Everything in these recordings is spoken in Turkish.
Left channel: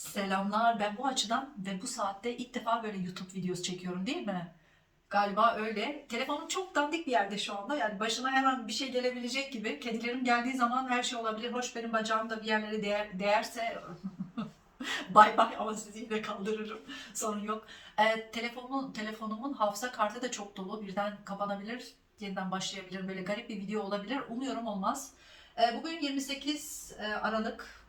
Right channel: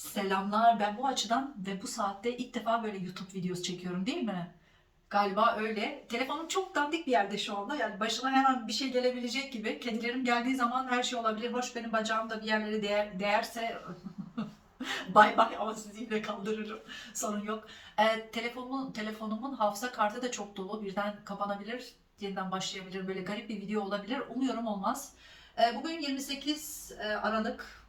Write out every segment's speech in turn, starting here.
Selamlar. Ben bu açıdan ve bu saatte ilk defa böyle YouTube videosu çekiyorum değil mi? Galiba öyle. Telefonum çok dandik bir yerde şu anda. Yani başına her an bir şey gelebilecek gibi. Kedilerim geldiği zaman her şey olabilir. Hoş benim bacağım da bir yerlere değer, değerse bay bay ama sizi yine kaldırırım. Sorun yok. Ee, telefonumun, telefonumun hafıza kartı da çok dolu. Birden kapanabilir, yeniden başlayabilir. Böyle garip bir video olabilir. Umuyorum olmaz. Ee, bugün 28 e, Aralık.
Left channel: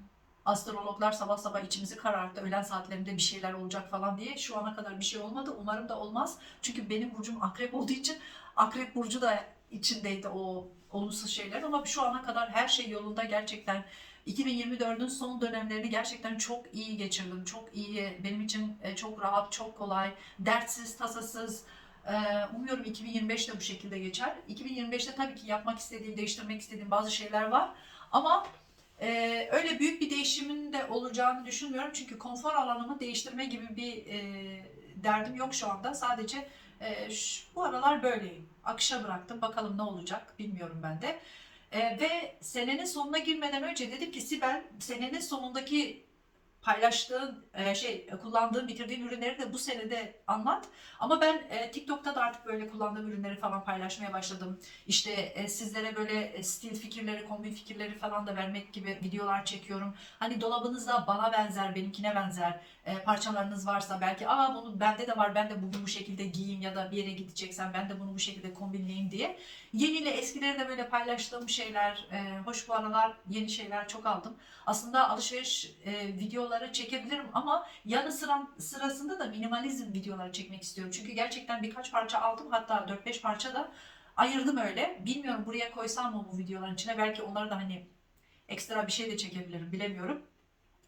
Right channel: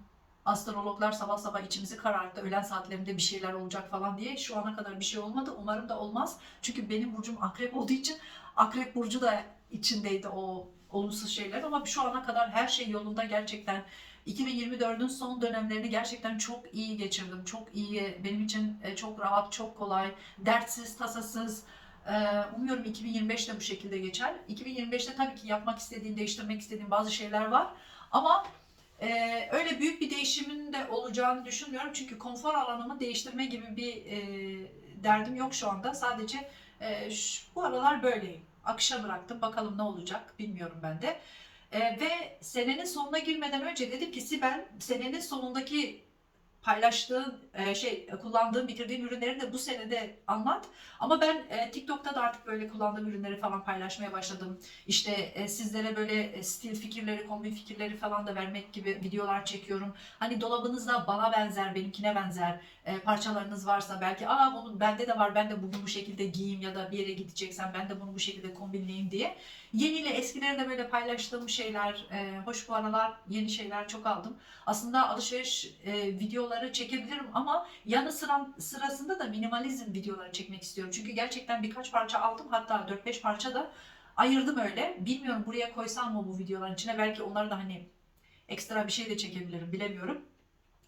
Astrologlar sabah sabah içimizi kararttı. Öğlen saatlerinde bir şeyler olacak falan diye. Şu ana kadar bir şey olmadı. Umarım da olmaz. Çünkü benim burcum akrep olduğu için akrep burcu da içindeydi o olumsuz şeyler. Ama şu ana kadar her şey yolunda gerçekten. 2024'ün son dönemlerini gerçekten çok iyi geçirdim. Çok iyi. Benim için e, çok rahat, çok kolay. Dertsiz, tasasız. Ee, Umuyorum 2025 de bu şekilde geçer. 2025'te tabii ki yapmak istediğim, değiştirmek istediğim bazı şeyler var. Ama ee, öyle büyük bir değişimin de olacağını düşünmüyorum. Çünkü konfor alanımı değiştirme gibi bir e, derdim yok şu anda. Sadece e, şu- bu aralar böyleyim. Akışa bıraktım. Bakalım ne olacak bilmiyorum ben de. E, ve senenin sonuna girmeden önce dedim ki Sibel senenin sonundaki paylaştığın e, şey kullandığın bitirdiğin ürünleri de bu senede anlat. Ama ben e, TikTok'ta da artık böyle kullandığım ürünleri falan paylaşmaya başladım. İşte e, sizlere böyle e, stil fikirleri, kombin fikirleri falan da vermek gibi videolar çekiyorum. Hani dolabınızda bana benzer, benimkine benzer e, parçalarınız varsa belki aa bunun bende de var ben de bugün bu şekilde giyeyim ya da bir yere gideceksen ben de bunu bu şekilde kombinleyeyim diye. Yeniyle eskileri de böyle paylaştığım şeyler, e, hoş bu aralar yeni şeyler çok aldım. Aslında alışveriş e, videoları çekebilirim ama yanı sıra, sırasında da minimalizm videoları çekmek istiyorum. Çünkü gerçekten birkaç parça aldım hatta 4-5 parça da ayırdım öyle. Bilmiyorum buraya koysam mı bu videoların içine belki onları da hani ekstra bir şey de çekebilirim bilemiyorum.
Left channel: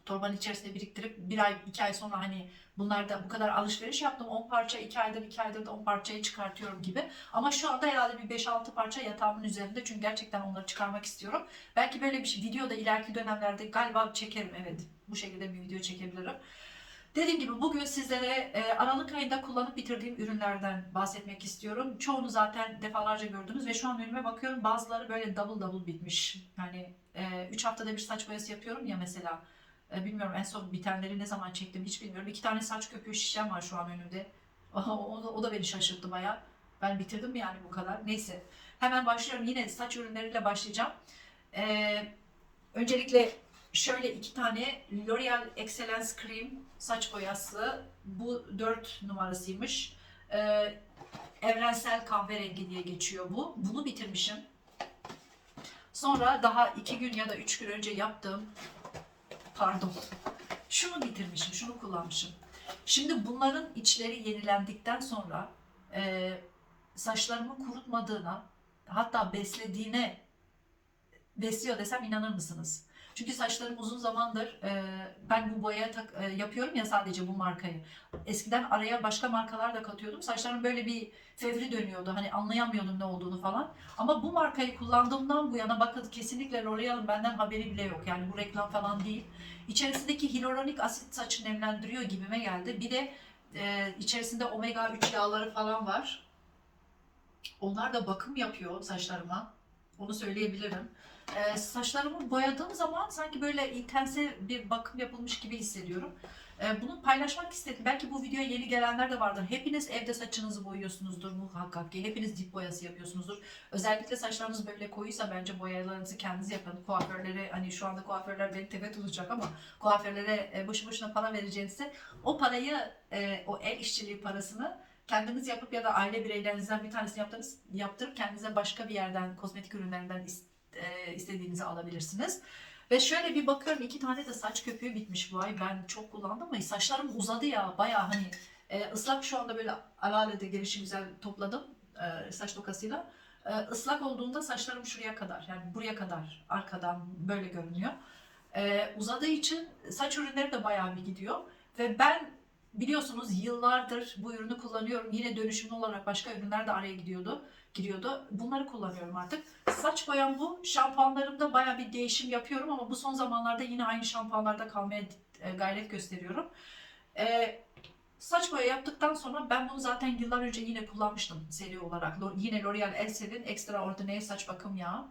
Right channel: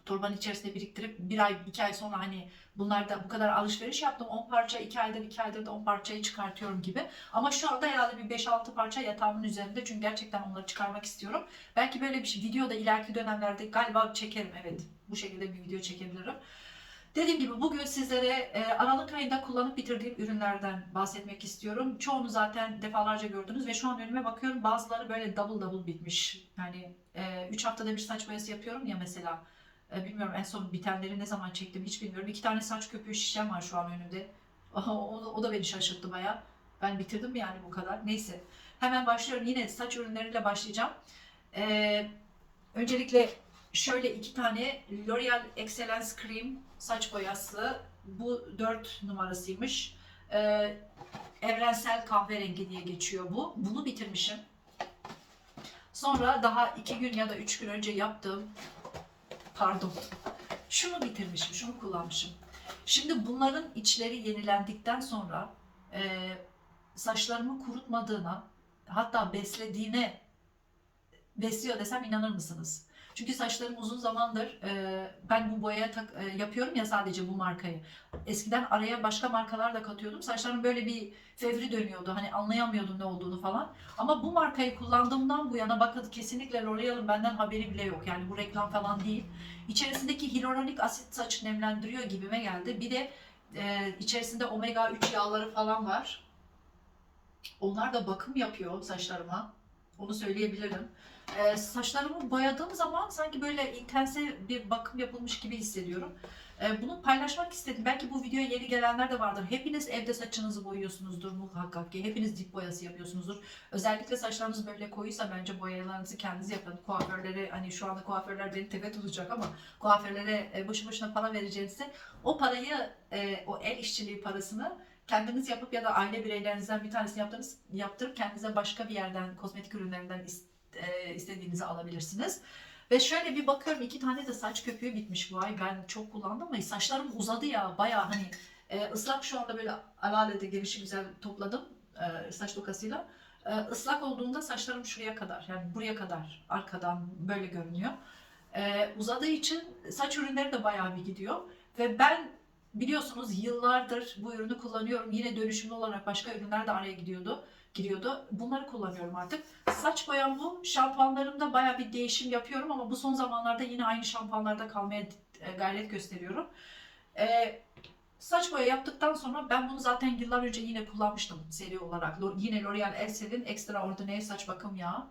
Torbanın içerisinde biriktirip bir ay, iki ay sonra hani bunlarda bu kadar alışveriş yaptım. 10 parça, 2 aydır, 2 aydır da 10 parçayı çıkartıyorum gibi. Ama şu anda herhalde bir 5-6 parça yatağımın üzerinde. Çünkü gerçekten onları çıkarmak istiyorum. Belki böyle bir şey, video da ileriki dönemlerde galiba çekerim. Evet bu şekilde bir video çekebilirim. Dediğim gibi bugün sizlere e, Aralık ayında kullanıp bitirdiğim ürünlerden bahsetmek istiyorum. Çoğunu zaten defalarca gördünüz ve şu an önüme bakıyorum bazıları böyle double double bitmiş. Yani 3 haftada bir saç boyası yapıyorum ya mesela. E, bilmiyorum en son bitenleri ne zaman çektim hiç bilmiyorum. İki tane saç köpüğü şişem var şu an önümde. o, da, o da beni şaşırttı baya. Ben bitirdim yani bu kadar? Neyse. Hemen başlıyorum. Yine saç ürünleriyle başlayacağım. E, öncelikle şöyle iki tane L'Oreal Excellence Cream saç boyası. Bu 4 numarasıymış. E, evrensel kahverengi diye geçiyor bu. Bunu bitirmişim. Sonra daha iki gün ya da üç gün önce yaptığım pardon. Şunu bitirmişim, şunu kullanmışım. Şimdi bunların içleri yenilendikten sonra e, saçlarımı kurutmadığına hatta beslediğine besliyor desem inanır mısınız? Çünkü saçlarım uzun zamandır e, ben bu boyaya tak, e, yapıyorum ya sadece bu markayı. Eskiden araya başka markalar da katıyordum. Saçlarım böyle bir fevri dönüyordu. Hani anlayamıyordum ne olduğunu falan. Ama bu markayı kullandığımdan bu yana bakın kesinlikle L'Oreal'ın benden haberi bile yok. Yani bu reklam falan değil. İçerisindeki hyaluronik asit saçı nemlendiriyor gibime geldi. Bir de e, içerisinde omega 3 yağları falan var. Onlar da bakım yapıyor saçlarıma. Onu söyleyebilirim. E, saçlarımı boyadığım zaman sanki böyle intense bir bakım yapılmış gibi hissediyorum. E, bunu paylaşmak istedim. Belki bu videoya yeni gelenler de vardır. Hepiniz evde saçınızı boyuyorsunuzdur muhakkak ki. Hepiniz dip boyası yapıyorsunuzdur. Özellikle saçlarınız böyle koyuysa bence boyalarınızı kendiniz yapın. Kuaförlere hani şu anda kuaförler beni tepe tutacak ama kuaförlere e, boşu boşuna para vereceğinize o parayı e, o el işçiliği parasını kendiniz yapıp ya da aile bireylerinizden bir tanesini yaptırıp, yaptırıp kendinize başka bir yerden kozmetik ürünlerinden e, istediğinizi alabilirsiniz. Ve şöyle bir bakıyorum iki tane de saç köpüğü bitmiş bu ay. Ben çok kullandım ama saçlarım uzadı ya baya hani e, ıslak şu anda böyle alalede gelişi güzel topladım e, saç tokasıyla. E, ıslak olduğunda saçlarım şuraya kadar yani buraya kadar arkadan böyle görünüyor. E, uzadığı için saç ürünleri de bayağı bir gidiyor. Ve ben biliyorsunuz yıllardır bu ürünü kullanıyorum. Yine dönüşümlü olarak başka ürünler de araya gidiyordu giriyordu. Bunları kullanıyorum artık. Saç boyam bu. Şampuanlarımda baya bir değişim yapıyorum ama bu son zamanlarda yine aynı şampuanlarda kalmaya e, gayret gösteriyorum. E, saç boya yaptıktan sonra ben bunu zaten yıllar önce yine kullanmıştım seri olarak. Yine L'Oreal Elsel'in Extraordinaire saç bakım yağı.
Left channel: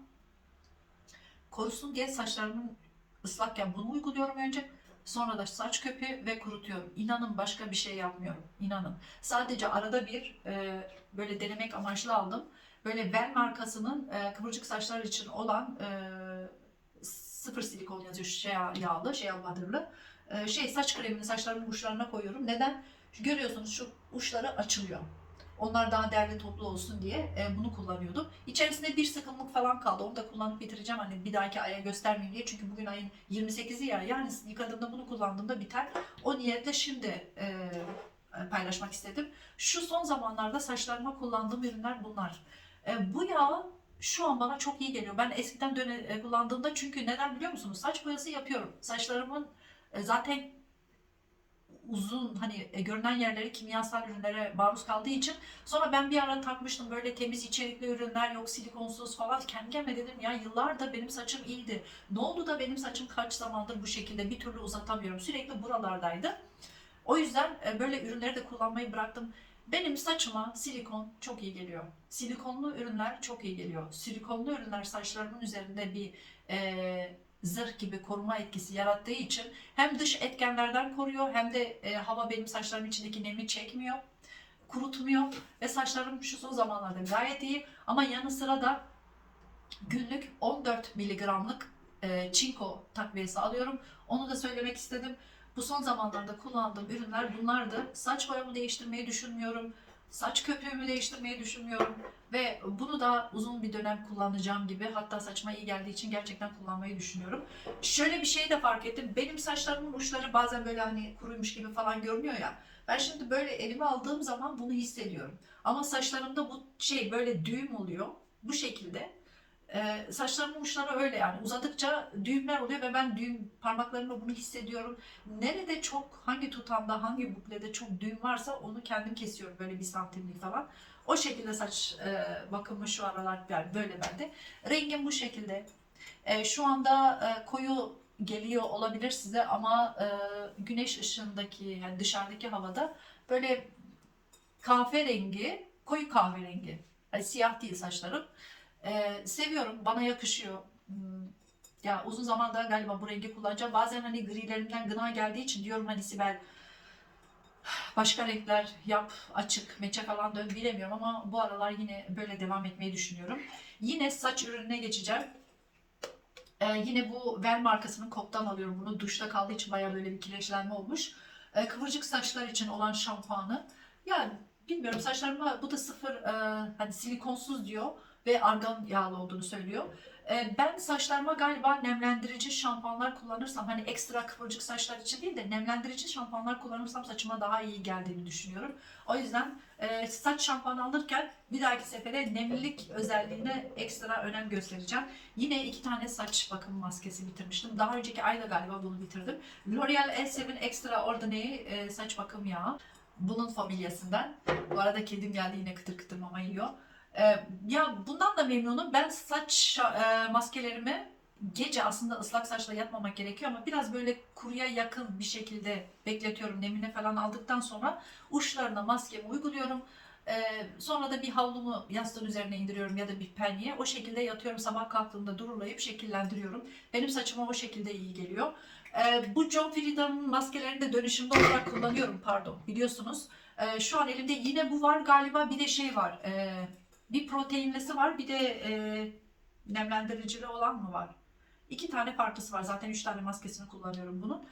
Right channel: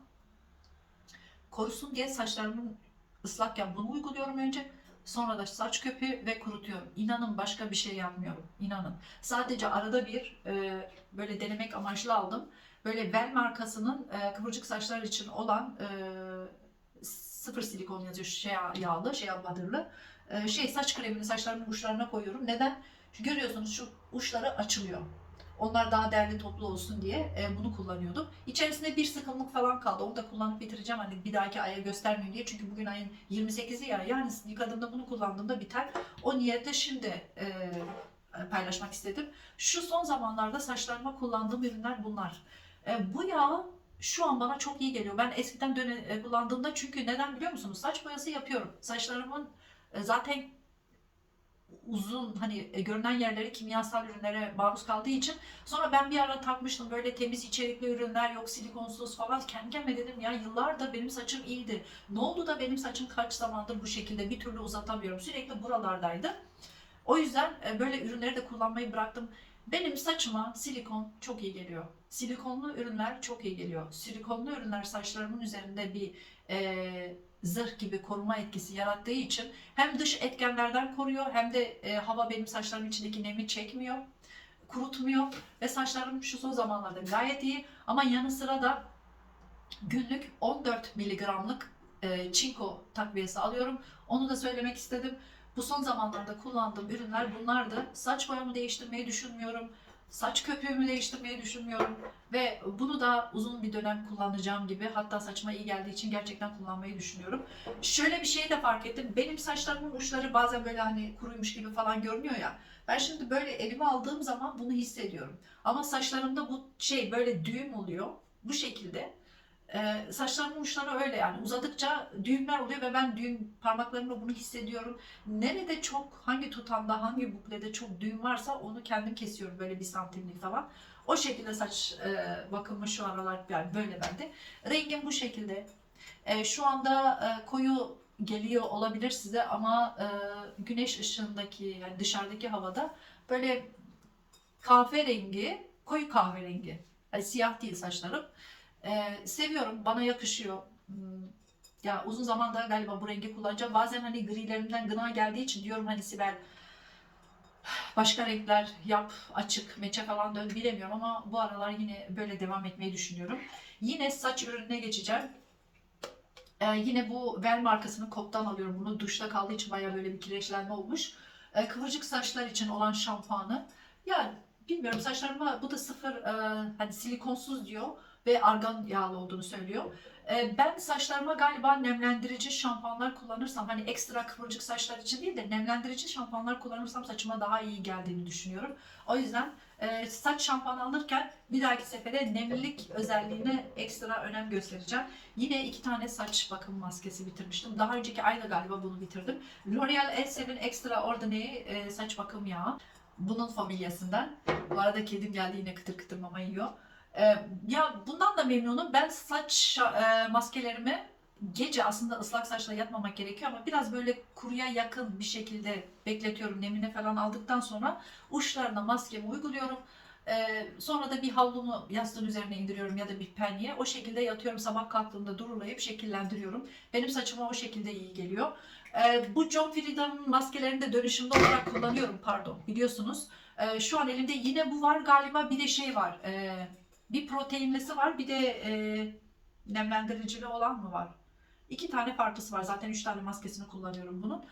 Korusun diye saçlarımın ıslakken bunu uyguluyorum önce. Sonra da saç köpüğü ve kurutuyorum. İnanın başka bir şey yapmıyorum. İnanın. Sadece arada bir e, böyle denemek amaçlı aldım. Böyle Bell markasının e, kıvırcık saçlar için olan e, sıfır silikon yazıyor şey yağlı, şey badırlı. E, şey saç kremini saçlarımın uçlarına koyuyorum. Neden? Görüyorsunuz şu uçları açılıyor. Onlar daha değerli toplu olsun diye e, bunu kullanıyordum. İçerisinde bir sıkımlık falan kaldı. Onu da kullanıp bitireceğim. Hani bir dahaki aya göstermeyeyim diye. Çünkü bugün ayın 28'i ya. Yani yıkadığımda bunu kullandığımda biter. O niyetle şimdi e, paylaşmak istedim. Şu son zamanlarda saçlarıma kullandığım ürünler bunlar. E, bu yağ şu an bana çok iyi geliyor. Ben eskiden döne, e, kullandığımda çünkü neden biliyor musunuz? Saç boyası yapıyorum. Saçlarımın e, zaten uzun hani e, görünen yerleri kimyasal ürünlere maruz kaldığı için sonra ben bir ara takmıştım böyle temiz içerikli ürünler yok silikonsuz falan kendi kendime dedim ya yıllardır benim saçım iyiydi. Ne oldu da benim saçım kaç zamandır bu şekilde bir türlü uzatamıyorum? Sürekli buralardaydı. O yüzden e, böyle ürünleri de kullanmayı bıraktım. Benim saçıma silikon çok iyi geliyor. Silikonlu ürünler çok iyi geliyor. Silikonlu ürünler saçlarımın üzerinde bir e, zırh gibi koruma etkisi yarattığı için hem dış etkenlerden koruyor hem de e, hava benim saçlarımın içindeki nemi çekmiyor, kurutmuyor ve saçlarım şu son zamanlarda gayet iyi ama yanı sıra da günlük 14 miligramlık e, çinko takviyesi alıyorum. Onu da söylemek istedim. Bu son zamanlarda kullandığım ürünler bunlardı. Saç boyamı değiştirmeyi düşünmüyorum. Saç köpüğümü değiştirmeyi düşünmüyorum. Ve bunu da uzun bir dönem kullanacağım gibi. Hatta saçma iyi geldiği için gerçekten kullanmayı düşünüyorum. Şöyle bir şeyi de fark ettim. Benim saçlarımın uçları bazen böyle hani kuruymuş gibi falan görünüyor ya. Ben şimdi böyle elime aldığım zaman bunu hissediyorum. Ama saçlarımda bu şey böyle düğüm oluyor. Bu şekilde. Ee, saçlarımın uçları öyle yani uzadıkça düğümler oluyor ve ben düğüm parmaklarımla bunu hissediyorum. Nerede çok hangi tutanda hangi buklede çok düğüm varsa onu kendim kesiyorum böyle bir santimlik falan. O şekilde saç e, bakımı şu aralar yani böyle bende. Rengim bu şekilde. E, şu anda e, koyu geliyor olabilir size ama e, güneş ışığındaki yani dışarıdaki havada böyle kahverengi, koyu kahverengi. Yani siyah değil saçlarım. E, seviyorum, bana yakışıyor. Hmm, Ya uzun zamanda galiba bu rengi kullanacağım. Bazen hani grilerimden gına geldiği için diyorum hani Sibel başka renkler yap, açık, meçe falan dön bilemiyorum ama bu aralar yine böyle devam etmeyi düşünüyorum. Yine saç ürününe geçeceğim. Ee, yine bu Vel markasının koptan alıyorum bunu. Duşta kaldığı için bayağı böyle bir kireçlenme olmuş. Ee, kıvırcık saçlar için olan şampuanı. Yani bilmiyorum saçlarıma bu da sıfır e, hani silikonsuz diyor ve argan yağlı olduğunu söylüyor. Ee, ben saçlarıma galiba nemlendirici şampuanlar kullanırsam hani ekstra kıvırcık saçlar için değil de nemlendirici şampuanlar kullanırsam saçıma daha iyi geldiğini düşünüyorum. O yüzden e, saç şampuanı alırken bir dahaki sefere nemlilik özelliğine ekstra önem göstereceğim. Yine iki tane saç bakım maskesi bitirmiştim. Daha önceki ayda galiba bunu bitirdim. L'Oreal Elsevin Extraordinary e, saç bakım yağı. Bunun familyasından. Bu arada kedim geldi yine kıtır kıtır mama yiyor. Ee, ya bundan da memnunum. Ben saç e, maskelerimi gece aslında ıslak saçla yatmamak gerekiyor ama biraz böyle kuruya yakın bir şekilde bekletiyorum. Nemine falan aldıktan sonra uçlarına maskemi uyguluyorum. Ee, sonra da bir havlumu yastığın üzerine indiriyorum ya da bir penye. O şekilde yatıyorum. Sabah kalktığımda durulayıp şekillendiriyorum. Benim saçıma o şekilde iyi geliyor. Ee, bu John Frieda'nın maskelerini de dönüşümlü olarak kullanıyorum pardon biliyorsunuz. Ee, şu an elimde yine bu var galiba bir de şey var. Ee, bir proteinlisi var bir de e, nemlendiricili olan mı var? İki tane farklısı var. Zaten üç tane maskesini kullanıyorum bunun.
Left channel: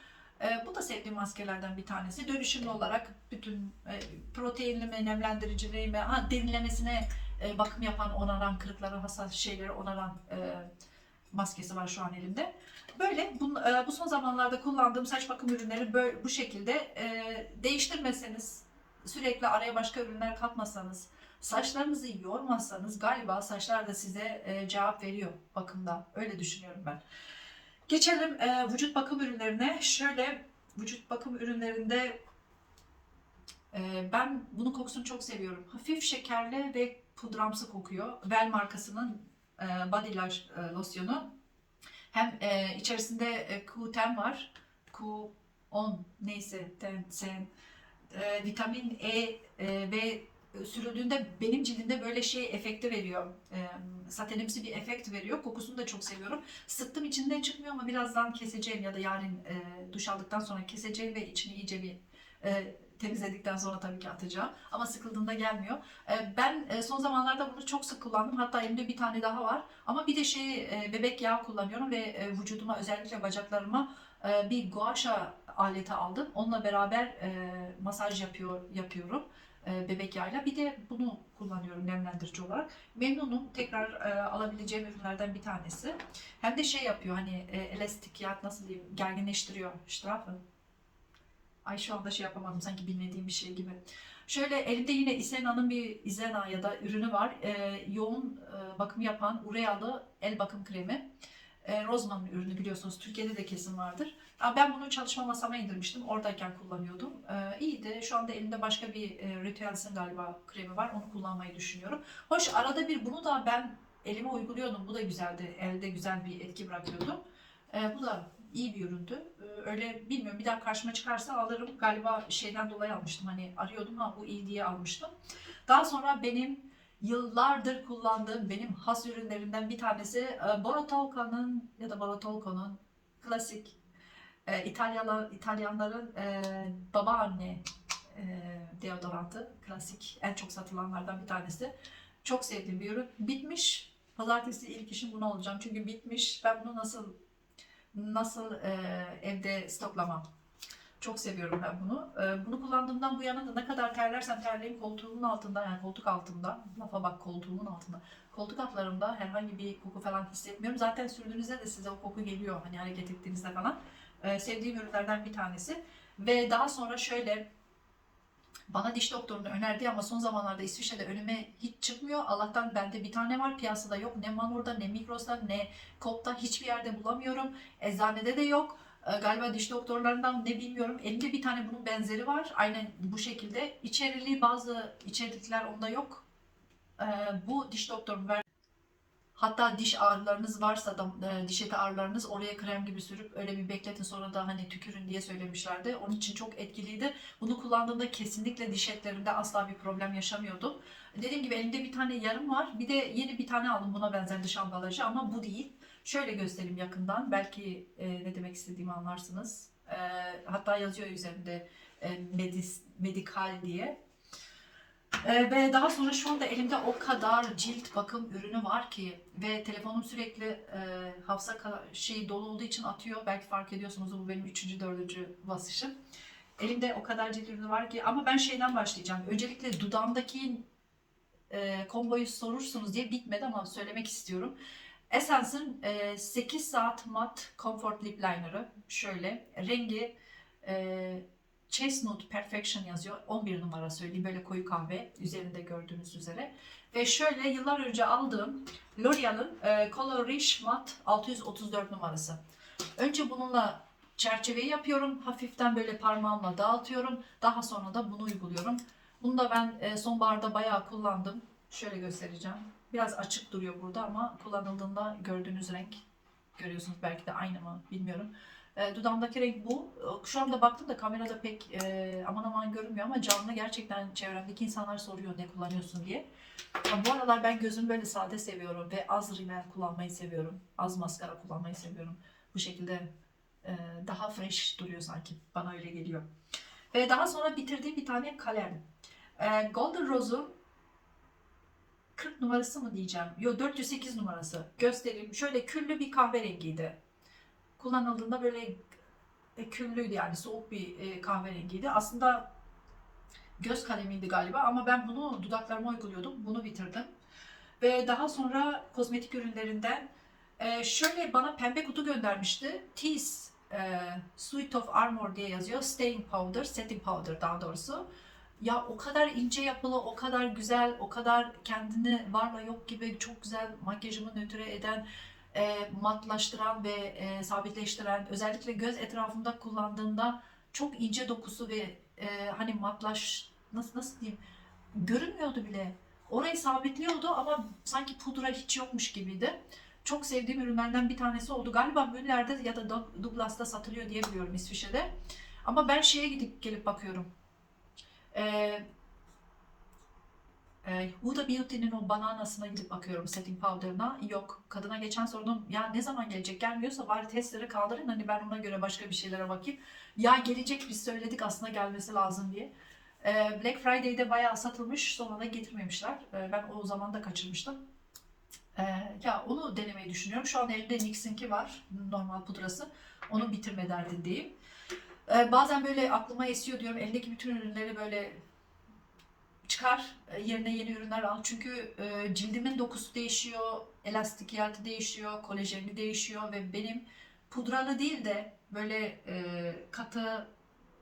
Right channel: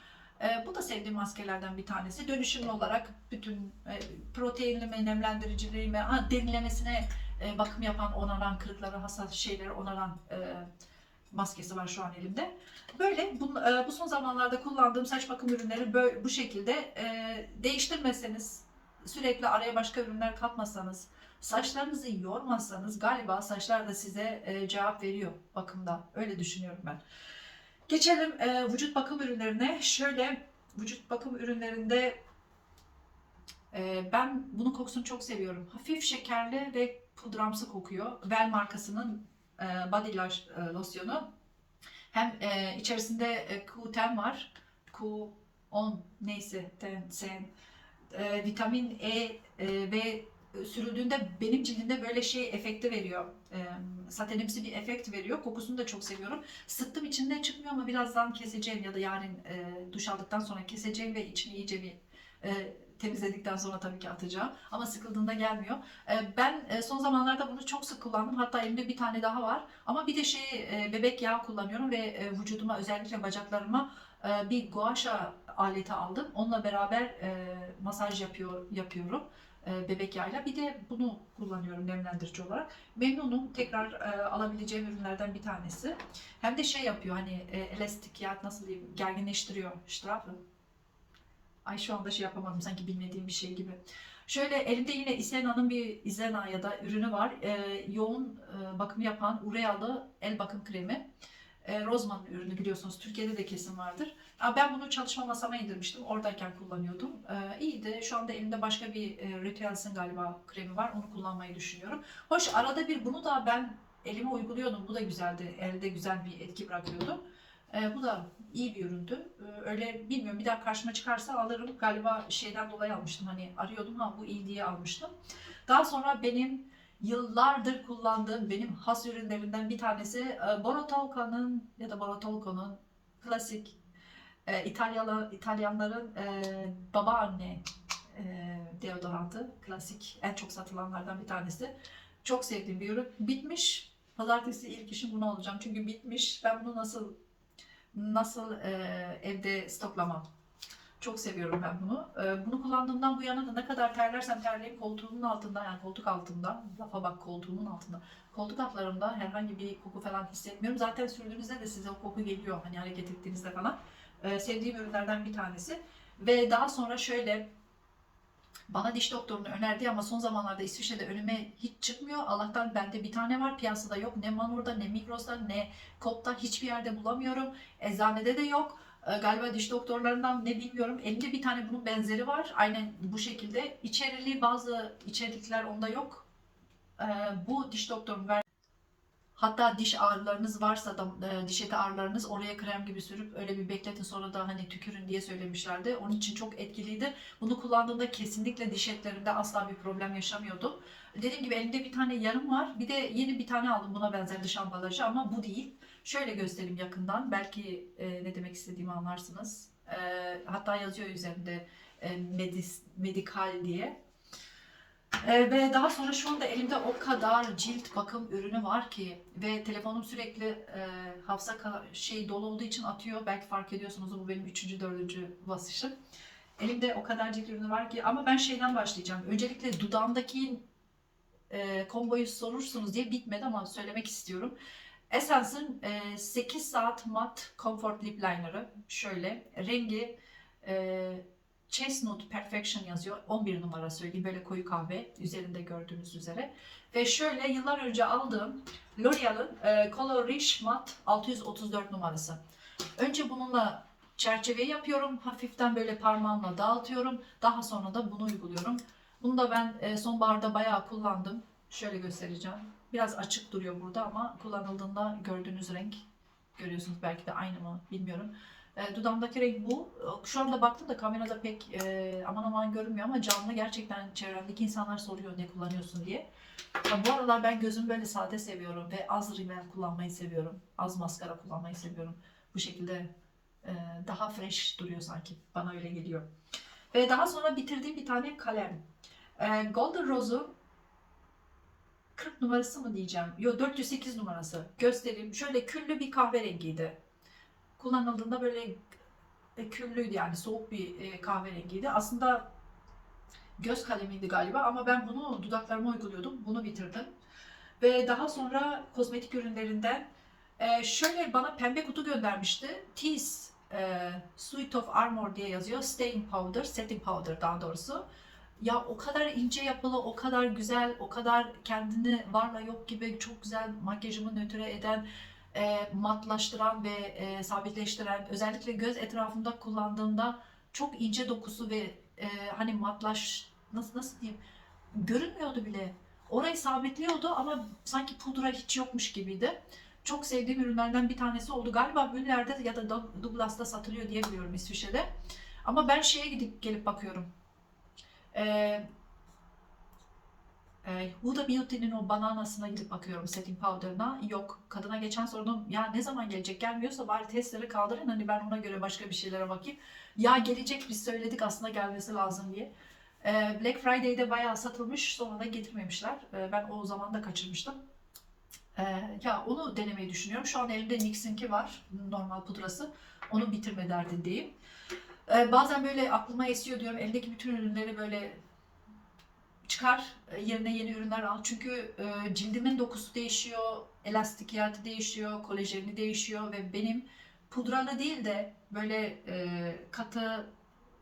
E, bu da sevdiğim maskelerden bir tanesi. Dönüşümlü olarak bütün e, proteinli mi, nemlendiriciliği mi, ha, derinlemesine e, bakım yapan, onaran, kırıkları, hassas şeyleri onaran e, maskesi var şu an elimde. Böyle bu, e, bu son zamanlarda kullandığım saç bakım ürünleri böyle bu şekilde e, değiştirmeseniz, sürekli araya başka ürünler katmasanız, Saçlarınızı yormazsanız galiba saçlar da size e, cevap veriyor bakımda. Öyle düşünüyorum ben. Geçelim e, vücut bakım ürünlerine. Şöyle vücut bakım ürünlerinde e, ben bunun kokusunu çok seviyorum. Hafif şekerli ve pudramsı kokuyor. Vel markasının e, body losyonu. Hem içerisinde e, Q10 var. Q10 neyse 10, sen, vitamin E ve sürüldüğünde benim cildimde böyle şey efekti veriyor. E, satenimsi bir efekt veriyor. Kokusunu da çok seviyorum. Sıktım içinden çıkmıyor ama birazdan keseceğim ya da yarın e, duş aldıktan sonra keseceğim ve içini iyice bir e, temizledikten sonra tabii ki atacağım. Ama sıkıldığında gelmiyor. E, ben e, son zamanlarda bunu çok sık kullandım. Hatta elimde bir tane daha var. Ama bir de şey e, bebek yağı kullanıyorum ve e, vücuduma özellikle bacaklarıma e, bir guasha aleti aldım. Onunla beraber e, masaj yapıyor yapıyorum e, bebek yağıyla. Bir de bunu kullanıyorum nemlendirici olarak. Memnunum. Tekrar e, alabileceğim ürünlerden bir tanesi. Hem de şey yapıyor hani e, elastik yağ nasıl diyeyim gerginleştiriyor. Strafe. Ay şu anda şey yapamadım sanki bilmediğim bir şey gibi. Şöyle elimde yine Isena'nın bir Isena ya da ürünü var. E, yoğun e, bakım yapan urealı el bakım kremi. E, Rozman ürünü biliyorsunuz. Türkiye'de de kesin vardır. Ya ben bunu çalışma masama indirmiştim. Oradayken kullanıyordum. E, iyiydi. Şu anda elimde başka bir e, Rituals'ın galiba kremi var. Onu kullanmayı düşünüyorum. Hoş arada bir bunu da ben elime uyguluyordum. Bu da güzeldi. Elde güzel bir etki bırakıyordu. E, bu da iyi bir üründü. E, öyle bilmiyorum bir daha karşıma çıkarsa alırım. Galiba şeyden dolayı almıştım. Hani arıyordum ha bu iyi diye almıştım. Daha sonra benim yıllardır kullandığım benim has ürünlerinden bir tanesi e, Borotolco'nun ya da Borotolco'nun klasik e, İtalyalı İtalyanların e, babaanne deodorantı. Klasik en çok satılanlardan bir tanesi. Çok sevdiğim bir ürün. Bitmiş. Pazartesi ilk işim bunu alacağım. Çünkü bitmiş. Ben bunu nasıl nasıl e, evde stoklamam. Çok seviyorum ben bunu. E, bunu kullandığımdan bu yana da ne kadar terlersem terleyeyim koltuğumun altında yani koltuk altında, lafa bak koltuğumun altında, koltuk altlarımda herhangi bir koku falan hissetmiyorum. Zaten sürdüğünüzde de size o koku geliyor hani hareket ettiğinizde falan. E, sevdiğim ürünlerden bir tanesi. Ve daha sonra şöyle bana diş doktorunu önerdi ama son zamanlarda İsviçre'de önüme hiç çıkmıyor. Allah'tan bende bir tane var. Piyasada yok. Ne Manor'da ne Migros'ta ne Coop'ta hiçbir yerde bulamıyorum. Eczanede de yok. E, galiba diş doktorlarından ne bilmiyorum. Elimde bir tane bunun benzeri var. Aynen bu şekilde. İçerili bazı içerikler onda yok. E, bu diş doktorum ver. Hatta diş ağrılarınız varsa da e, diş eti ağrılarınız oraya krem gibi sürüp öyle bir bekletin sonra da hani tükürün diye söylemişlerdi. Onun için çok etkiliydi. Bunu kullandığımda kesinlikle diş etlerimde asla bir problem yaşamıyordum. Dediğim gibi elimde bir tane yarım var. Bir de yeni bir tane aldım buna benzer dış ambalajı ama bu değil. Şöyle göstereyim yakından. Belki e, ne demek istediğimi anlarsınız. E, hatta yazıyor üzerinde e, medis, medikal diye. E, ve daha sonra şu anda elimde o kadar cilt bakım ürünü var ki ve telefonum sürekli e, hafıza şey dolu olduğu için atıyor. Belki fark ediyorsunuz bu benim üçüncü, dördüncü basışım. Elimde o kadar cilt ürünü var ki ama ben şeyden başlayacağım. Öncelikle dudağımdaki e, komboyu sorursunuz diye bitmedi ama söylemek istiyorum. Essence'ın e, 8 saat mat comfort lip liner'ı şöyle rengi e, Chestnut Perfection yazıyor. 11 numara söyleyeyim böyle koyu kahve üzerinde gördüğünüz üzere. Ve şöyle yıllar önce aldığım L'Oreal'ın e, Color Rich Matte 634 numarası. Önce bununla çerçeveyi yapıyorum. Hafiften böyle parmağımla dağıtıyorum. Daha sonra da bunu uyguluyorum. Bunu da ben e, sonbaharda bayağı kullandım. Şöyle göstereceğim. Biraz açık duruyor burada ama kullanıldığında gördüğünüz renk görüyorsunuz belki de aynı mı bilmiyorum. E, dudağımdaki renk bu. E, Şu anda baktım da kamerada pek e, aman aman görünmüyor ama canlı gerçekten çevremdeki insanlar soruyor ne kullanıyorsun diye. Ya bu aralar ben gözümü böyle sade seviyorum ve az rimel kullanmayı seviyorum. Az maskara kullanmayı seviyorum. Bu şekilde e, daha fresh duruyor sanki. Bana öyle geliyor. Ve daha sonra bitirdiğim bir tane kalem. E, Golden Rose'u 40 numarası mı diyeceğim? Yo 408 numarası. Göstereyim. Şöyle küllü bir kahverengiydi. Kullanıldığında böyle e, küllüydü yani soğuk bir e, kahverengiydi. Aslında göz kalemiydi galiba ama ben bunu dudaklarıma uyguluyordum. Bunu bitirdim. Ve daha sonra kozmetik ürünlerinden e, şöyle bana pembe kutu göndermişti. Tease e, Suite of Armor diye yazıyor. Staying Powder, Setting Powder daha doğrusu. Ya o kadar ince yapılı, o kadar güzel, o kadar kendini varla yok gibi çok güzel makyajımı nötre eden, e, matlaştıran ve e, sabitleştiren, özellikle göz etrafında kullandığımda çok ince dokusu ve e, hani matlaş nasıl nasıl diyeyim görünmüyordu bile. Orayı sabitliyordu ama sanki pudra hiç yokmuş gibiydi. Çok sevdiğim ürünlerden bir tanesi oldu. Galiba Müller'de ya da Doug- Douglas'ta satılıyor diye biliyorum İsviçre'de. Ama ben şeye gidip gelip bakıyorum. Ee, E, Huda Beauty'nin o bananasına gidip bakıyorum setting powder'ına. Yok. Kadına geçen sordum ya ne zaman gelecek gelmiyorsa bari testleri kaldırın hani ben ona göre başka bir şeylere bakayım. Ya gelecek biz söyledik aslında gelmesi lazım diye. E, Black Friday'de bayağı satılmış sonra da getirmemişler. E, ben o zaman da kaçırmıştım. E, ya onu denemeyi düşünüyorum. Şu an elimde NYX'inki var. Normal pudrası. Onu bitirme derdindeyim. E, bazen böyle aklıma esiyor diyorum. Eldeki bütün ürünleri böyle çıkar e, yerine yeni ürünler al. Çünkü e, cildimin dokusu değişiyor, elastikiyatı değişiyor, kolajeni değişiyor ve benim pudralı değil de böyle e, katı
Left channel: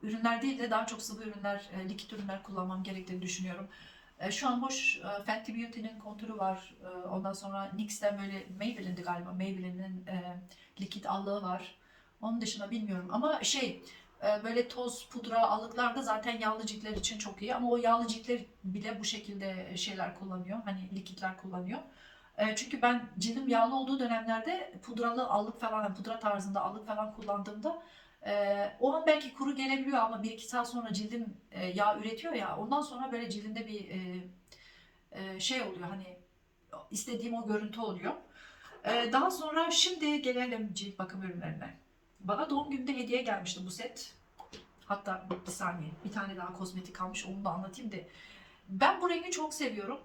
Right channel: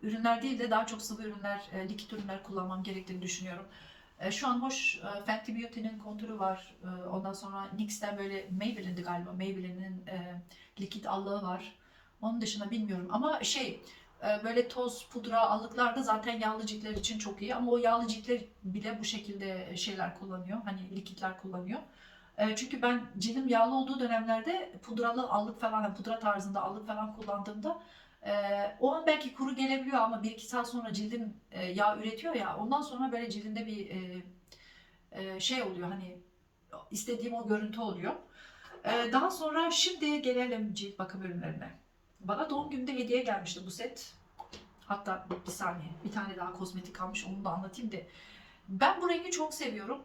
ürünler değil de daha çok sıvı ürünler, e, likit ürünler kullanmam gerektiğini düşünüyorum. E, şu an hoş e, Fenty Beauty'nin kontürü var. E, ondan sonra NYX'ten böyle Maybelline'di galiba. Maybelline'in e, likit allığı var. Onun dışında bilmiyorum ama şey böyle toz, pudra allıklar da zaten yağlı ciltler için çok iyi ama o yağlı ciltler bile bu şekilde şeyler kullanıyor. Hani likitler kullanıyor. E, Çünkü ben cildim yağlı olduğu dönemlerde pudralı allık falan, pudra tarzında allık falan kullandığımda e, o an belki kuru gelebiliyor ama bir iki saat sonra cildim e, yağ üretiyor ya ondan sonra böyle cildimde bir e, e, şey oluyor hani istediğim o görüntü oluyor. E, Daha sonra şimdi gelelim cilt bakım ürünlerine. Bana doğum gününde hediye gelmişti bu set. Hatta bir saniye bir tane daha kozmetik kalmış onu da anlatayım da. Ben bu rengi çok seviyorum.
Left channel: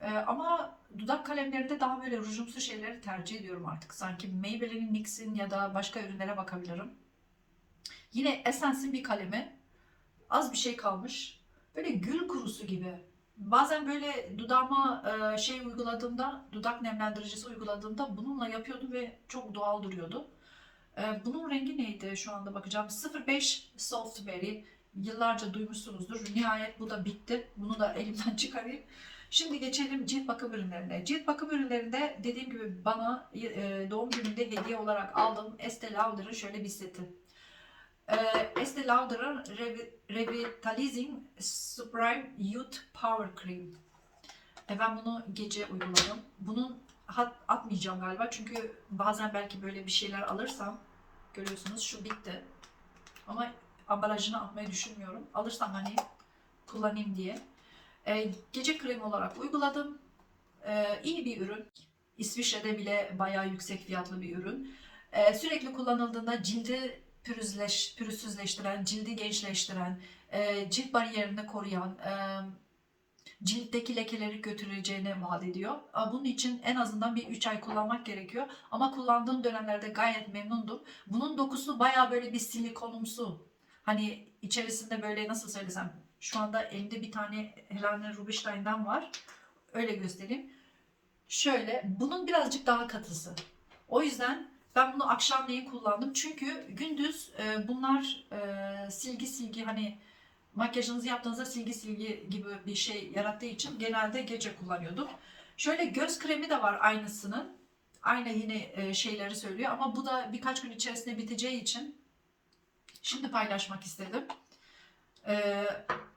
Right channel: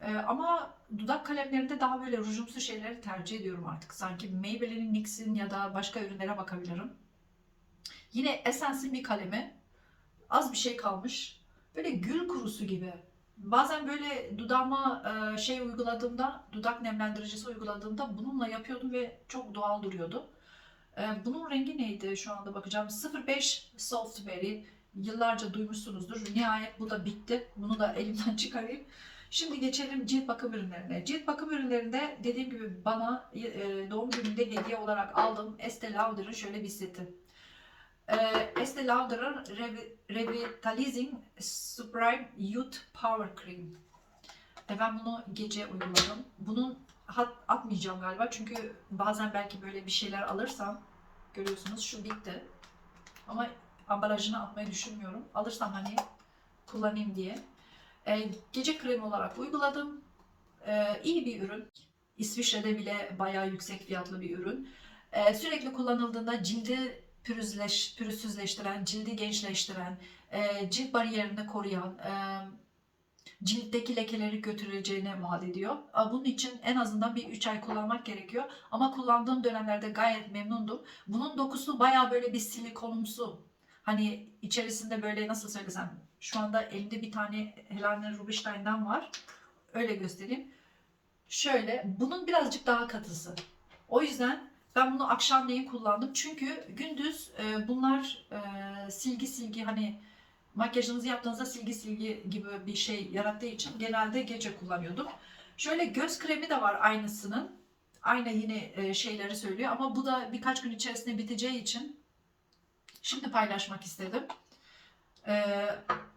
Ee, ama dudak kalemlerinde daha böyle rujumsu şeyleri tercih ediyorum artık. Sanki Maybelline'in NYX'in ya da başka ürünlere bakabilirim. Yine Essence'in bir kalemi. Az bir şey kalmış. Böyle gül kurusu gibi. Bazen böyle dudağıma e, şey uyguladığımda, dudak nemlendiricisi uyguladığımda bununla yapıyordum ve çok doğal duruyordu. Ee, Bunun rengi neydi şu anda bakacağım. 05 Soft Berry. Yıllarca duymuşsunuzdur. Nihayet bu da bitti. Bunu da elimden çıkarayım. Şimdi geçelim cilt bakım ürünlerine. Cilt bakım ürünlerinde dediğim gibi bana e, doğum gününde hediye olarak aldığım Estee Lauder'ın şöyle bir seti. Ee, Estee Lauder'ın Revi- Revitalizing Supreme Youth Power Cream. E, ben bunu gece uyguladım. Bunun atmayacağım galiba çünkü bazen belki böyle bir şeyler alırsam görüyorsunuz şu bitti. Ama ambalajını atmayı düşünmüyorum. Alırsam hani kullanayım diye. E, gece kremi olarak uyguladım. E, iyi bir ürün. İsviçre'de bile bayağı yüksek fiyatlı bir ürün. E, sürekli kullanıldığında cildi pürüzleş, pürüzsüzleştiren, cildi gençleştiren, e, cilt bariyerini koruyan, e, ciltteki lekeleri götüreceğine vaat ediyor. Bunun için en azından bir 3 ay kullanmak gerekiyor. Ama kullandığım dönemlerde gayet memnundum. Bunun dokusu baya böyle bir silikonumsu. Hani içerisinde böyle nasıl söylesem şu anda elimde bir tane Helena Rubinstein'den var. Öyle göstereyim. Şöyle bunun birazcık daha katısı. O yüzden ben bunu akşamleyin kullandım. Çünkü gündüz e, bunlar e, silgi silgi hani makyajınızı yaptığınızda silgi silgi gibi bir şey yarattığı için genelde gece kullanıyordum. Şöyle göz kremi de var aynısının. Aynı yine e, şeyleri söylüyor ama bu da birkaç gün içerisinde biteceği için şimdi paylaşmak istedim. Ee,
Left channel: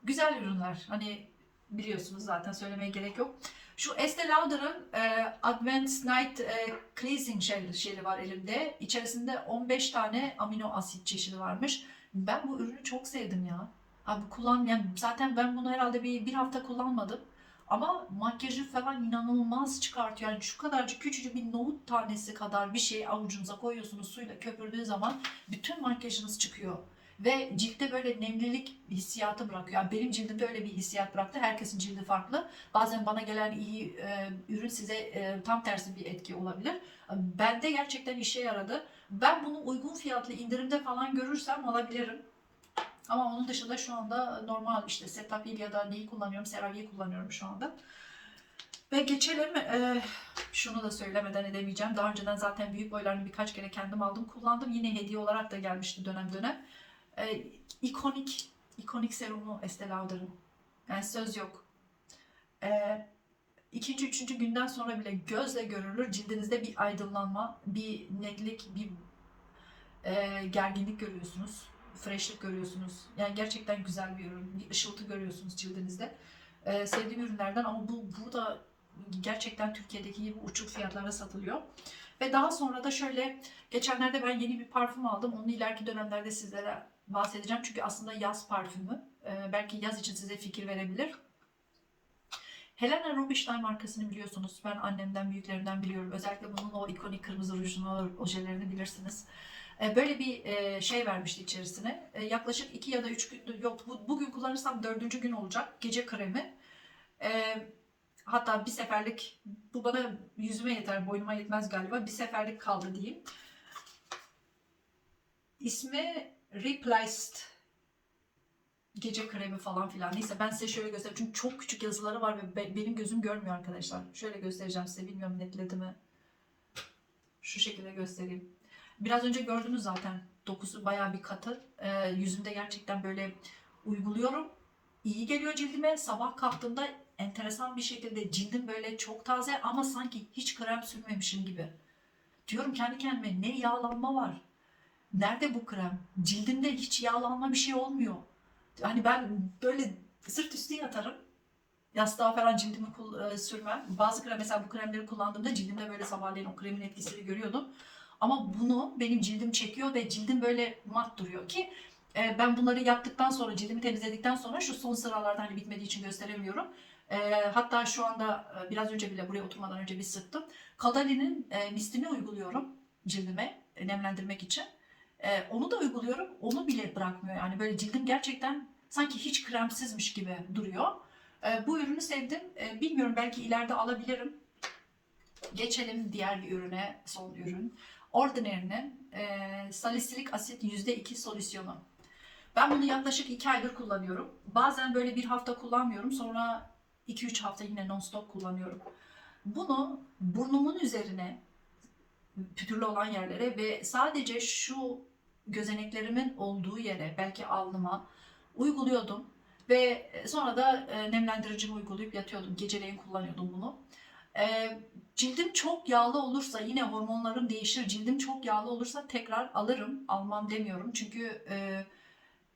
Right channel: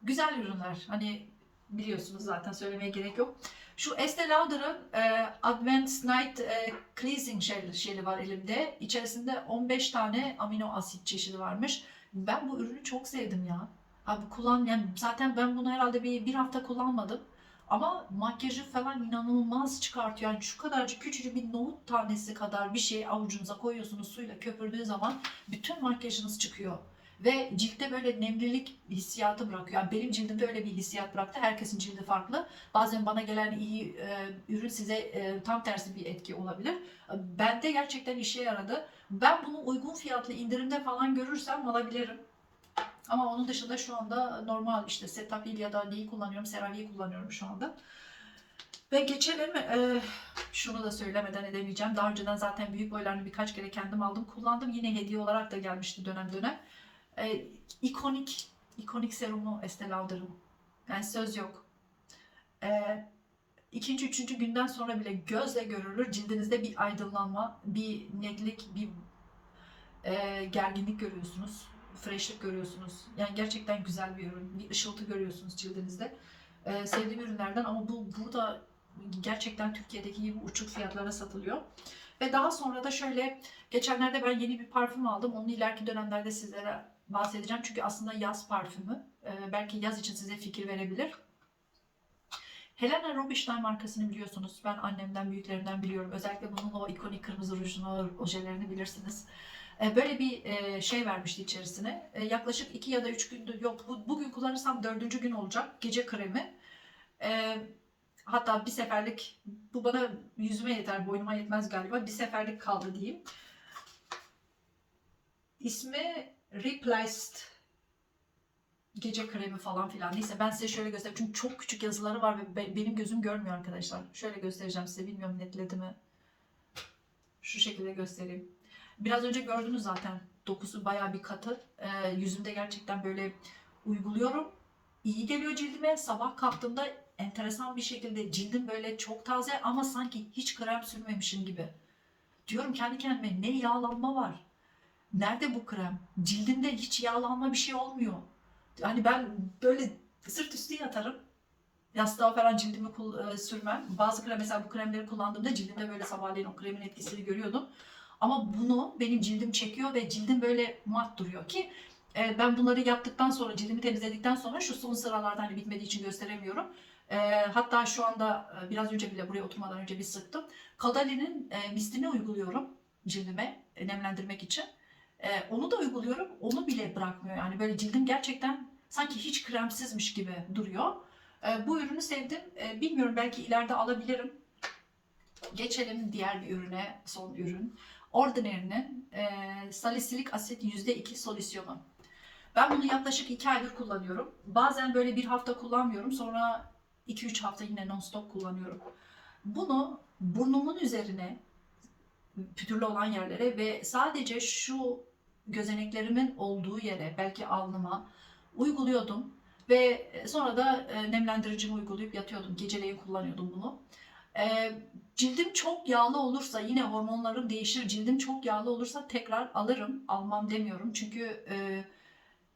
güzel ürünler. Hani biliyorsunuz zaten söylemeye gerek yok. Şu Estee Lauder'ın e, Advanced Night e, Cleansing Gel şeyi var elimde. İçerisinde 15 tane amino asit çeşidi varmış. Ben bu ürünü çok sevdim ya. Abi kullan yani zaten ben bunu herhalde bir, bir hafta kullanmadım. Ama makyajı falan inanılmaz çıkartıyor. Yani şu kadarcık küçücük bir nohut tanesi kadar bir şey avucunuza koyuyorsunuz suyla köpürdüğü zaman bütün makyajınız çıkıyor. Ve ciltte böyle nemlilik hissiyatı bırakıyor. Yani benim cildimde öyle bir hissiyat bıraktı. Herkesin cildi farklı. Bazen bana gelen iyi e, ürün size e, tam tersi bir etki olabilir. Bende gerçekten işe yaradı. Ben bunu uygun fiyatlı indirimde falan görürsem alabilirim. Ama onun dışında şu anda normal işte Cetaphil ya da neyi kullanıyorum? CeraVe'yi kullanıyorum şu anda. Ve geçelim e, şunu da söylemeden edemeyeceğim. Daha önceden zaten büyük boylarını birkaç kere kendim aldım kullandım. Yine hediye olarak da gelmişti dönem dönem. E, ikonik, ikonik serumu Estee Lauder'ın. Yani söz yok. E, ikinci, üçüncü günden sonra bile gözle görülür. Cildinizde bir aydınlanma, bir netlik, bir e, gerginlik görüyorsunuz freshlik görüyorsunuz. Yani gerçekten güzel bir ürün. Bir ışıltı görüyorsunuz cildinizde. Ee, sevdiğim ürünlerden ama bu burada gerçekten Türkiye'deki gibi uçuk fiyatlara satılıyor. Ve daha sonra da şöyle geçenlerde ben yeni bir parfüm aldım. Onu ileriki dönemlerde sizlere bahsedeceğim. Çünkü aslında yaz parfümü. Ee, belki yaz için size fikir verebilir. Helena Rubinstein markasını biliyorsunuz. Ben annemden, büyüklerimden biliyorum. Özellikle bunun o ikonik kırmızı rujunu, ojelerini bilirsiniz. E, Böyle bir e, şey vermişti içerisine. E, Yaklaşık 2 ya da 3 gündür, yok bu- bugün kullanırsam dördüncü gün olacak. Gece kremi. Hatta bir seferlik, bu bana yüzüme yeter, boynuma yetmez galiba. Bir seferlik kaldı diyeyim. İsmi Replaced gece kremi falan filan. Neyse ben size şöyle göstereyim. Çünkü çok küçük yazıları var ve be- benim gözüm görmüyor arkadaşlar. Şöyle göstereceğim size. Bilmiyorum netledi mi? Şu şekilde göstereyim. Biraz önce gördünüz zaten. Dokusu bayağı bir katı. Ee, yüzümde gerçekten böyle uyguluyorum. İyi geliyor cildime. Sabah kalktığımda enteresan bir şekilde cildim böyle çok taze ama sanki hiç krem sürmemişim gibi. Diyorum kendi kendime ne yağlanma var. Nerede bu krem? Cildimde hiç yağlanma bir şey olmuyor. Hani ben böyle sırt üstü yatarım. Yastığa falan cildimi e, sürmem. Bazı krem mesela bu kremleri kullandığımda cildimde böyle sabahleyin o kremin etkisini görüyordum. Ama bunu benim cildim çekiyor ve cildim böyle mat duruyor ki e, ben bunları yaptıktan sonra cildimi temizledikten sonra şu son sıralarda hani bitmediği için gösteremiyorum. E, hatta şu anda e, biraz önce bile buraya oturmadan önce bir sıktım. Kadali'nin e, mistini uyguluyorum cildime e, nemlendirmek için. E, onu da uyguluyorum. Onu bile bırakmıyor. Yani böyle cildim gerçekten sanki hiç kremsizmiş gibi duruyor. E, bu ürünü sevdim. E, bilmiyorum belki ileride alabilirim. Geçelim diğer bir ürüne, son ürün. Ordinary'nin e, salisilik asit %2 solüsyonu. Ben bunu yaklaşık 2 aydır kullanıyorum. Bazen böyle bir hafta kullanmıyorum. Sonra 2-3 hafta yine non-stop kullanıyorum. Bunu burnumun üzerine pütürlü olan yerlere ve sadece şu gözeneklerimin olduğu yere belki alnıma uyguluyordum ve sonra da e, nemlendiricimi uygulayıp yatıyordum. Geceleyin kullanıyordum bunu. Cildim çok yağlı olursa yine hormonlarım değişir. Cildim çok yağlı olursa tekrar alırım. Almam demiyorum. Çünkü e,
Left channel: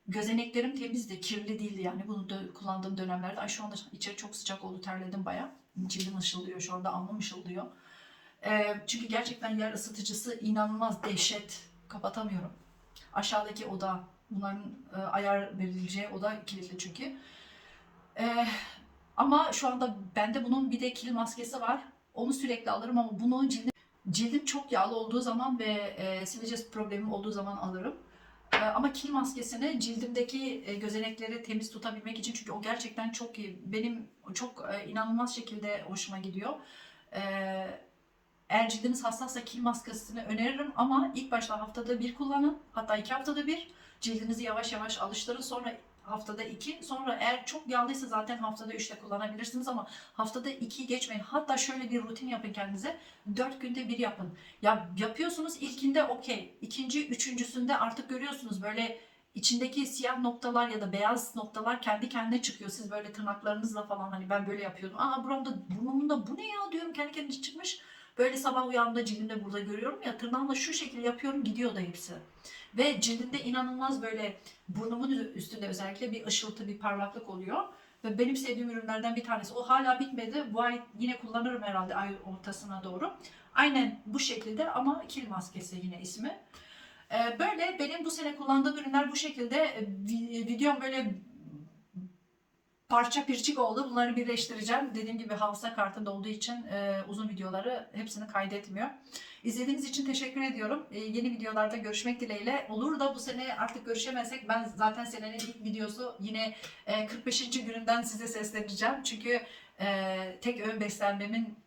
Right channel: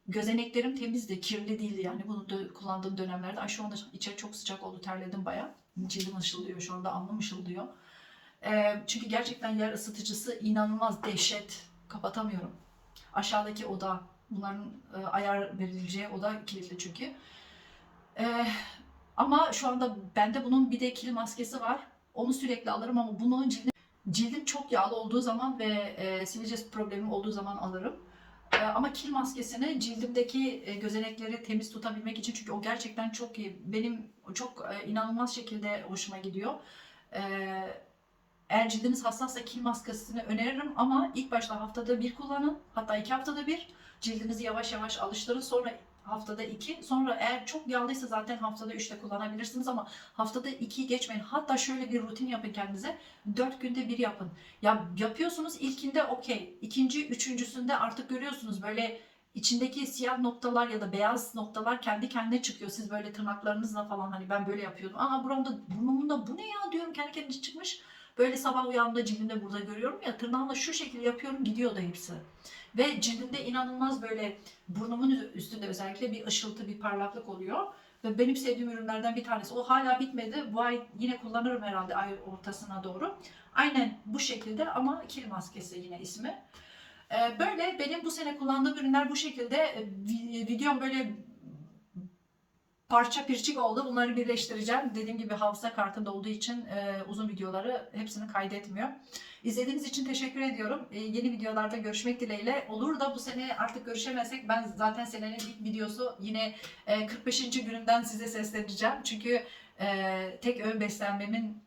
gözeneklerim temizdi, kirli değildi yani bunu dö- kullandığım dönemlerde. Ay şu anda içeri çok sıcak oldu, terledim bayağı. Cildim ışıldıyor, şu anda alnım ışıldıyor. E, çünkü gerçekten yer ısıtıcısı inanılmaz dehşet. Kapatamıyorum. Aşağıdaki oda, bunların e, ayar verileceği oda kilitli çünkü. E, ama şu anda bende bunun bir de kil maskesi var. Onu sürekli alırım ama bunu cildim, cildim çok yağlı olduğu zaman ve e, sivilce problemim olduğu zaman alırım. E, ama kil maskesini cildimdeki e, gözenekleri temiz tutabilmek için çünkü o gerçekten çok iyi. Benim çok e, inanılmaz şekilde hoşuma gidiyor. E, eğer cildiniz hassassa kil maskesini öneririm ama ilk başta haftada bir kullanın. Hatta iki haftada bir. Cildinizi yavaş yavaş alıştırın. Sonra haftada iki. Sonra eğer çok yağlıysa zaten haftada üçte kullanabilirsiniz ama haftada iki geçmeyin. Hatta şöyle bir rutin yapın kendinize. Dört günde bir yapın. Ya yapıyorsunuz ilkinde okey. İkinci, üçüncüsünde artık görüyorsunuz böyle içindeki siyah noktalar ya da beyaz noktalar kendi kendine çıkıyor. Siz böyle tırnaklarınızla falan hani ben böyle yapıyordum. Aa buramda burnumda bu ne ya diyorum kendi kendine çıkmış. Böyle sabah uyandığımda cildimde burada görüyorum ya tırnağımla şu şekilde yapıyorum gidiyor da hepsi. Ve cildimde inanılmaz böyle burnumun üstünde özellikle bir ışıltı, bir parlaklık oluyor. Ve benim sevdiğim ürünlerden bir tanesi. O hala bitmedi. Bu ay yine kullanırım herhalde ay ortasına doğru. Aynen bu şekilde ama kil maskesi yine ismi. Ee, Böyle benim bu sene kullandığım ürünler bu şekilde. Ee, vi- Videom böyle parça pirçik oldu. Bunları birleştireceğim. Dediğim gibi hafıza kartımda olduğu için e, uzun videoları hepsini kaydetmiyor. İzlediğiniz için teşekkür ediyorum. Ee, yeni videolarda görüşmek dileğiyle. Olur da bu sene artık görüşemezsek ben zaten senenin ilk videosu yine e, 45. gününden size sesleneceğim. Çünkü e, tek öğün beslenmemin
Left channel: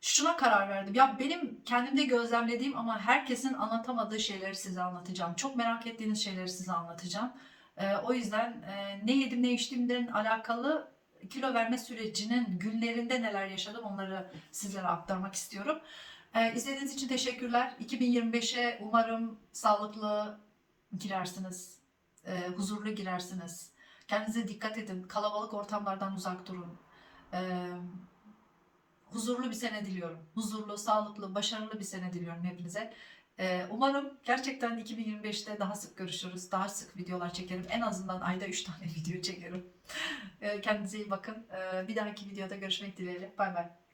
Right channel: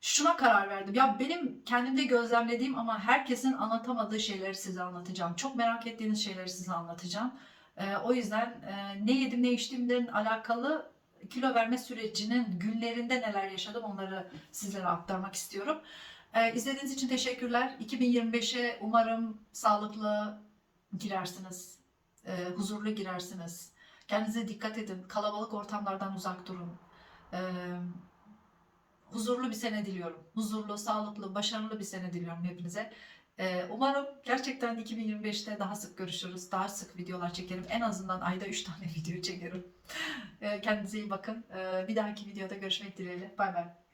şuna karar verdim. Ya benim kendimde gözlemlediğim ama herkesin anlatamadığı şeyleri size anlatacağım. Çok merak ettiğiniz şeyleri size anlatacağım. E, o yüzden e, ne yedim ne içtiğimden alakalı kilo verme sürecinin günlerinde neler yaşadım onları sizlere aktarmak istiyorum. Ee, izlediğiniz için teşekkürler. 2025'e umarım sağlıklı girersiniz, e, huzurlu girersiniz. Kendinize dikkat edin. Kalabalık ortamlardan uzak durun. Ee, huzurlu bir sene diliyorum. Huzurlu, sağlıklı, başarılı bir sene diliyorum hepinize. Ee, umarım gerçekten 2025'te daha sık görüşürüz. Daha sık videolar çekerim. En azından ayda 3 tane video çekerim. Ee, kendinize iyi bakın. Ee, bir dahaki videoda görüşmek dileğiyle. Bay bay.